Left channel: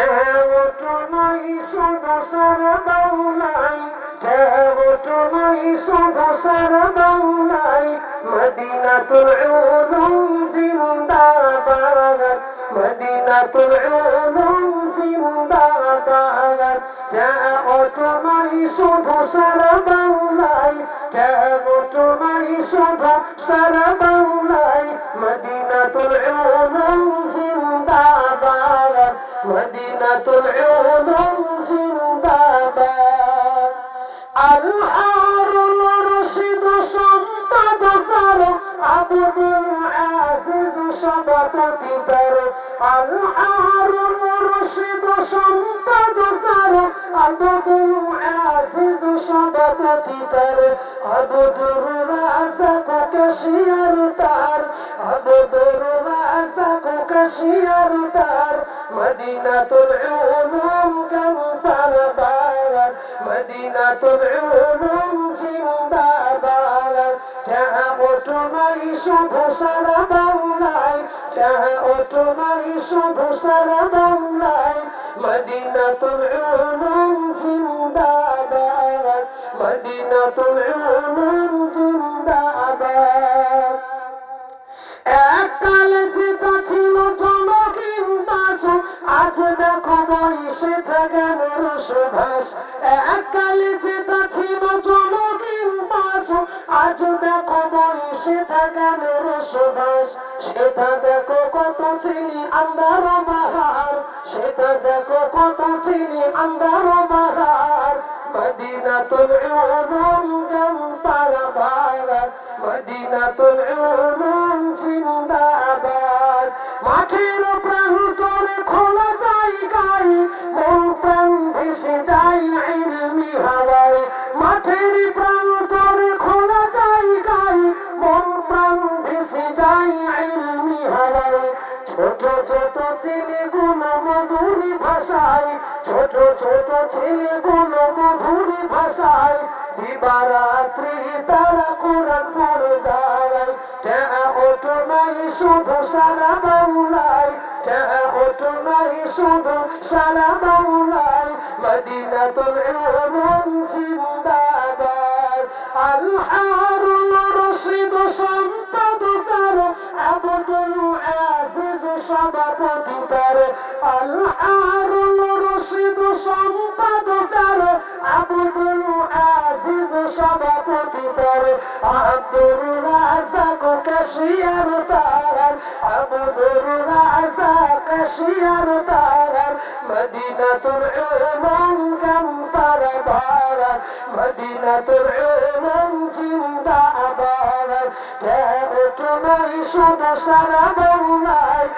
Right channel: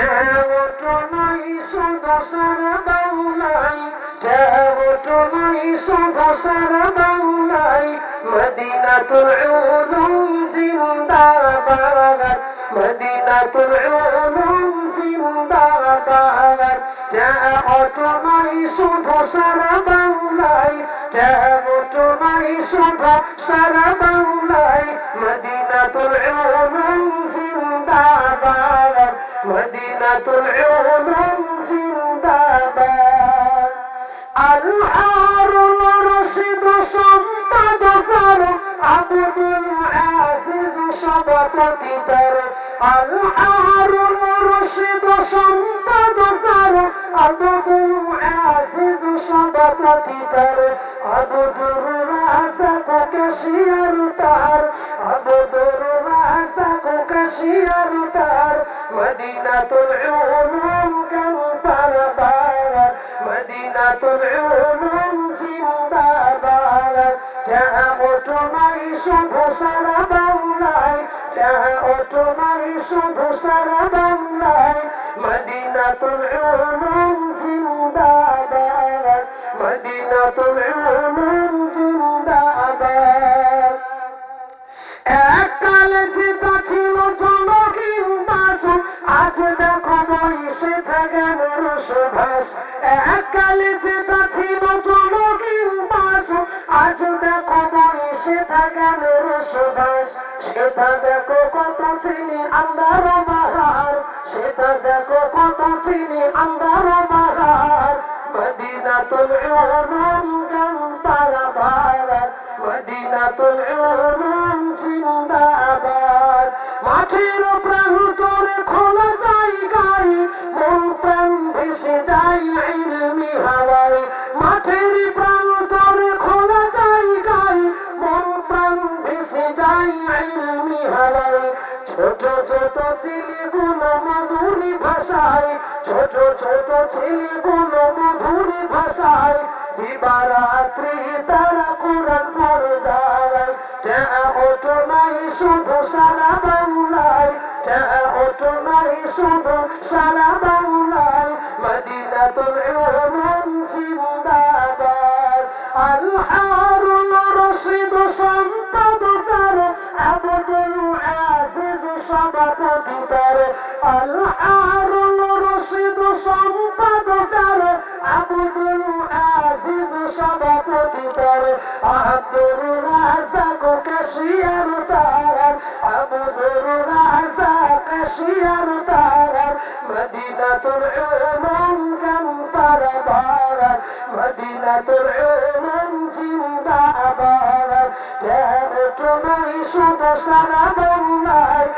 দেবটনই সুদোষের বাংলাই দেবটনই সুদোষের বাংলাই মদিনাতুল উলুম জিন্দাবাদ মদিনাতুল উলুম জিন্দাবাদ দেবটনই সুদোষের বাংলাই দেবটনই সুদোষের বাংলাই মদিনাতুল উলুম জিন্দাবাদ মদিনাতুল উলুম জিন্দাবাদ আল হারুন রশিদ সম্পদ তার আব্দুল আজিজ সভাপতি তার আল হারুন রশিদ সম্পদ তার আব্দুল আজিজ সভাপতি তার আব্দুর রাজাক কাশিয়ার তার আব্দুর রাজাক কাশিয়ার তার মদিনাতুল উলুম জিন্দাবাদ মদিনাতুল উলুম জিন্দাবাদ যাওয়াই শুধু সারা বাংলায় যাওয়াই শুধু সারা বাংলায় মদিনাতুল উলুম জিন্দাবাদ মদিনাতুল উলুম জিন্দাবাদ এককালে যেটা ছিল জনহীন দাস আজ দেখো বয়সে থেকে সুভাষ এককালে যেটা ছিল জনহীন দাস আজ দেখো বয়সে থেকে সুভাষ সেটা দেখো কত ছিলি আন্দার বাহার সেটা দেখো কত ছিলি আন্দার বাহার মদিনাতুল উলুম জিন্দাবাদ মদিনাতুল উলুম জিন্দাবাদ মাটির প্রান্তরে খোলা জায়গায় মন প্রাণ ভেসে যায় ইলমি হাওয়ায় মাটির প্রান্তরে খোলা জায়গায় মন প্রাণ ভেসে যায় ইলমি হাওয়ায় ছোট ছোট ছেলেগুলো মধুরী ভাষায় ছোট ছোট ছেলেগুলো মধুরী ভাষায় দিবারাত্রি তারা কোরআন পড়ে যায় ওটো নাই শুধু সারা বাংলায় ওটো নাই শুধু সারা বাংলায় মদিনাতুল উলুম জিন্দাবাদ আল হারুন রশিদ সম্পদ তার আব্দুল আজিজ সভাপতি তার আল হারুন রশিদ সম্পদ তার আব্দুল আজিজ সভাপতি তার আব্দুর রাজাক কাশিয়ার তার আব্দুর রাজাক কাশিয়ার তার মদিনাতুল উলুম জিন্দাবাদ মদিনাতুল উলুম জিন্দাবাদ ওটোই শুধু সারা বাংলায়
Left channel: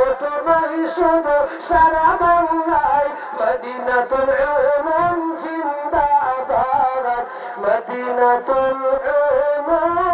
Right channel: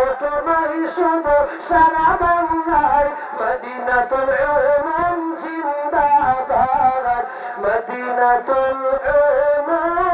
ওটোই শুধু সারা বাংলায় মদিনাতুল উলুম জিন্দাবাদ মদিনাতুল উলুম